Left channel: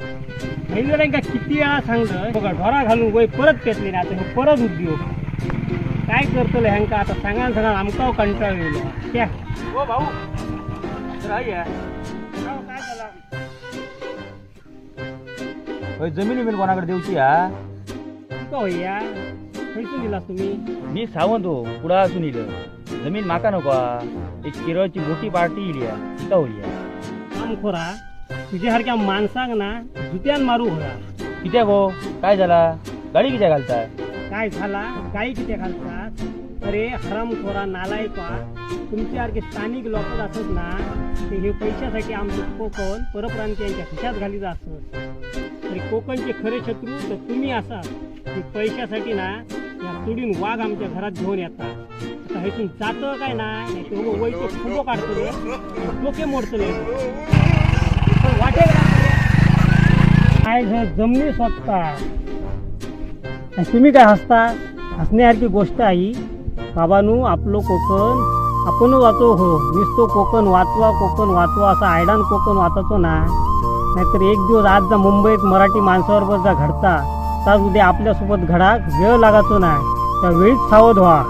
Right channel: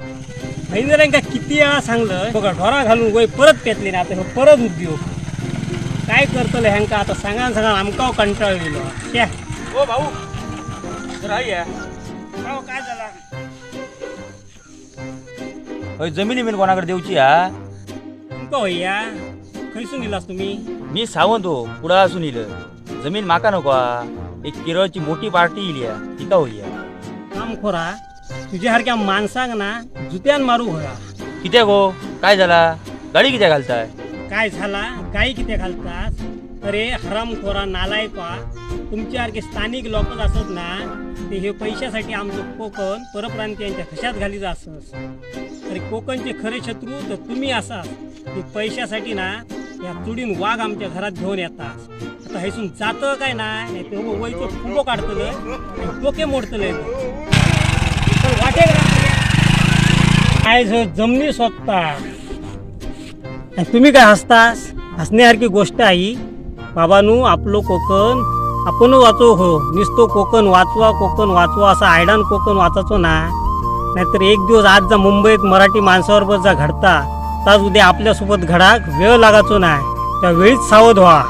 का किती वेळा सांगलं बघा ढोरा घालून गोय परत पेटले ना आता हे परत उद्योग. काय करतले ह्यांका आता सांगा सांगा आमकाव कंटाळलेलो क्या भाऊ काय झाला? होय जमिनी मी कोणाकडे देऊची हा? तुमका खैसून गेलास तुम्ही. मी सावंत हो पुढा असून इलं जमीन माका नको. एक केरळची मोठी पार्टी इली. तिका होईया काम खोरा. तुझ्यासारख्या माणसाक ना जुत्यान मारू होया. कित्याक हो काय झाला? गाडी कित्या घालताय? काय झाला? गाई किती घालतात अरे हरामखोरा नालायका तुमच्यासारखे स्थानिक लोक असत ना ते हे पैशासाठी आमचं कोकण परप्रांतीयांच्या खशात घालीत असत अरे कोकणचे खरे शत्रू तर तुम्ही असा ते पैशासाठी ना या तुडीन वाघ आमच्या घरात घेऊन येतात. आता हेसून जातं काय नाही ते वैचं फुलो काढतले डोके मोडतले काय जमली जमनी स्वतः. आणि तुम्ही काय हसतास? हसण्यासारखी गोष्ट आहे बाबानू आपलं कोकण आपण वाचो हो. नुसतो कोकण वाचवा कोकण वाचवा असं आयडान कोकण वाचायचो ना. नाहीतर एक दिवस आज जा मुंबईत मराठी माणसावर जा घडता ताज उद्या आपल्यासोबत घडाक वेळ लागायचो नाही त्या वेळीच सावध व्हा.